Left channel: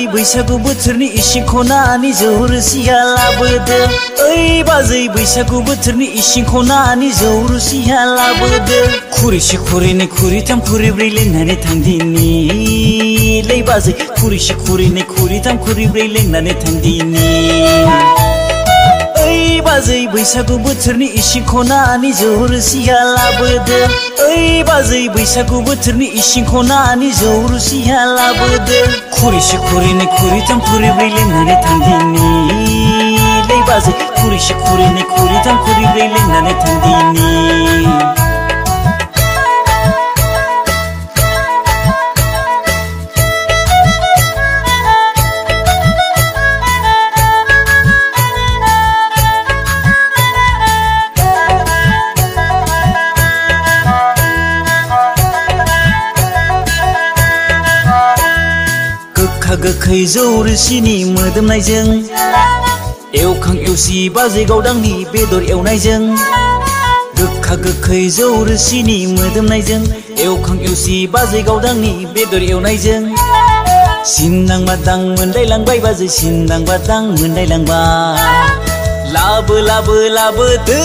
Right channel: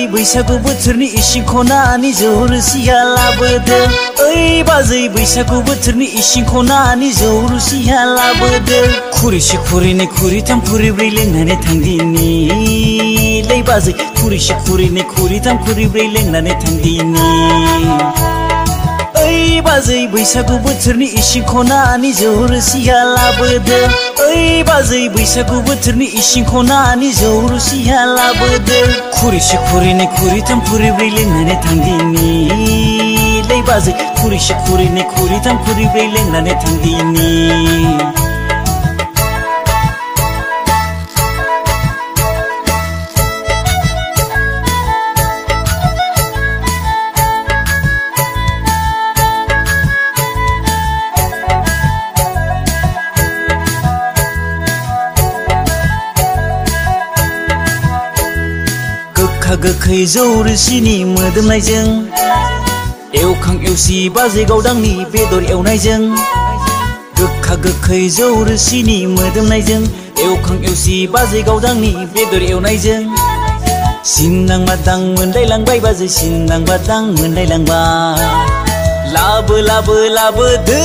बाजै बैसागु बोथोरनि इसिं खनानि जौ रोसिया लाबोदो ओइ बाजै बैसागु बोथोरनि इसिं खनानि जौ रोसिया लाबोदो खुरैसे खुरैनै खुरैथाम खुरैब्रै लोंनानै थांदिनि लै बाजै खुरैसे खुरैनै खुरैथाम खुरैब्रै लोंनानै थांदिनि ओइ बाजै बैसागु बोथोरनि इसिं खनानि जौ रोसिया लाबोदो ओइ बाजै बैसागु बोथोरनि इसिं खनानि जौ रोसिया लाबोदो खुरैसे खुरैनै खुरैथाम खुरैब्रै लोंनानै थांदिनि लै बाजै खुरैसे खुरैनै खुरैथाम खुरैब्रै लोंनानै थांदिनि गोखा गोखै जौ रोसिनि मोदोमनायजों एवखां एवसि बाजै गावदांनि बेदर एवनायजों गोखा गोखै जौ रोसिनि मोदोमनायजों एवखां एवसि बाजै गावदांनि बेदर एवनायजों सिनदां बादां मोनलायलांबाय बाजै सिनदां बादां मोनलायलांबाय लाबो लाबो लाबोदो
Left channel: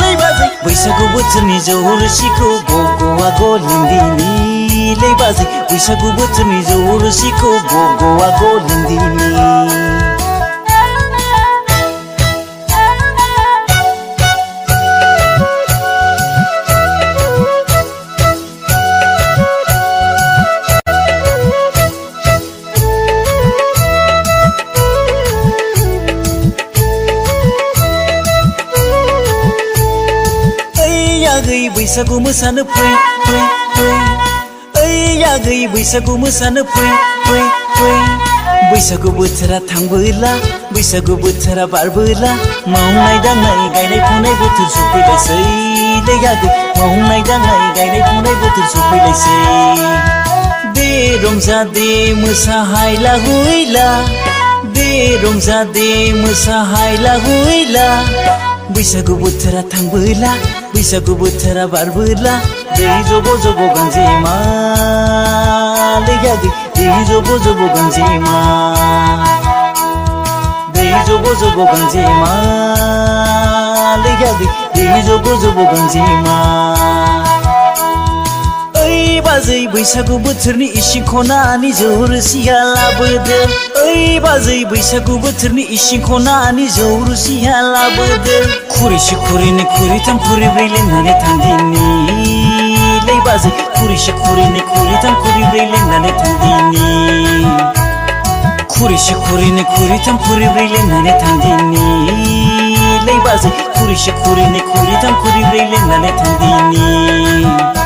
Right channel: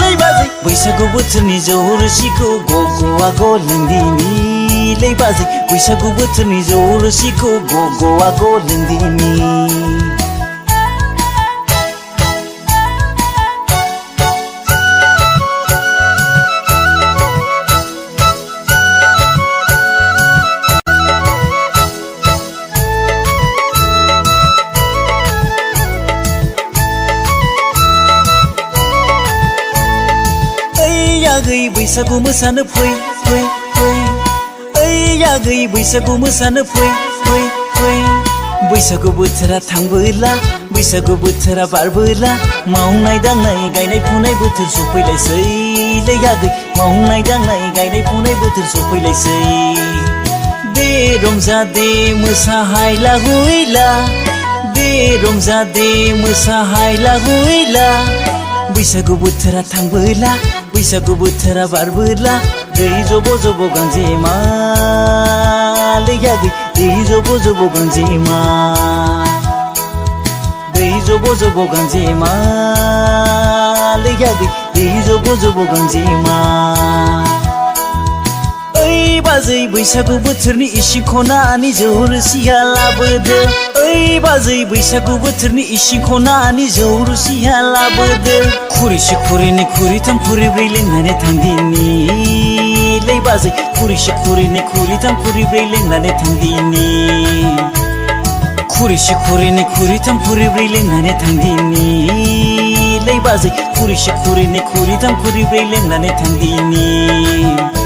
लै बाजै बैसागु बोथोरनि जौ रोसिखौ गग'आ लोंदिनि लै बाजै बैसागु बोथोरनि जौ रोसिखौ गग'आ लोंदिनि आगै बैसागु मोसानो फै फै फै ओइ आगै बैसागु मोसानो फै फै फै बैसागु बोथोरा थांबोला बैसागु बोथोरा बारबोला मावनाय दांनाय गायनाय फुनाय बोथोर सफैलायसै लै आगै मावनाय दांनाय गायनाय फुनाय बोथोर सफैलायसै दे रंजा दे मोसाहायला हुइला दे रंजा दे मोसाहायला हुइला बैसागु बोथोरा थांबोला बैसागु बोथोरा बारबोला दै जब' जब' गांजेमा लै आगै दै जब' जब' गांजेमा दै जब' जब' गांजेमा लै आगै दै जब' जब' गांजेमा ओइ बाजै बैसागु बोथोरनि इसिं खनानि जौ रोसिया लाबोदो ओइ बाजै बैसागु बोथोरनि इसिं खनानि जौ रोसिया लाबोदो खुरैसे खुरैनै खुरैथाम खुरैब्रै लोंनानै थांदिनि लै बाजै खुरैसे खुरैनै खुरैथाम खुरैब्रै लोंनानै थांदिनि खुरैसे खुरैनै खुरैथाम खुरैब्रै लोंनानै थांदिनि लै बाजै खुरैसे खुरैनै खुरैथाम खुरैब्रै लोंनानै थांदिनि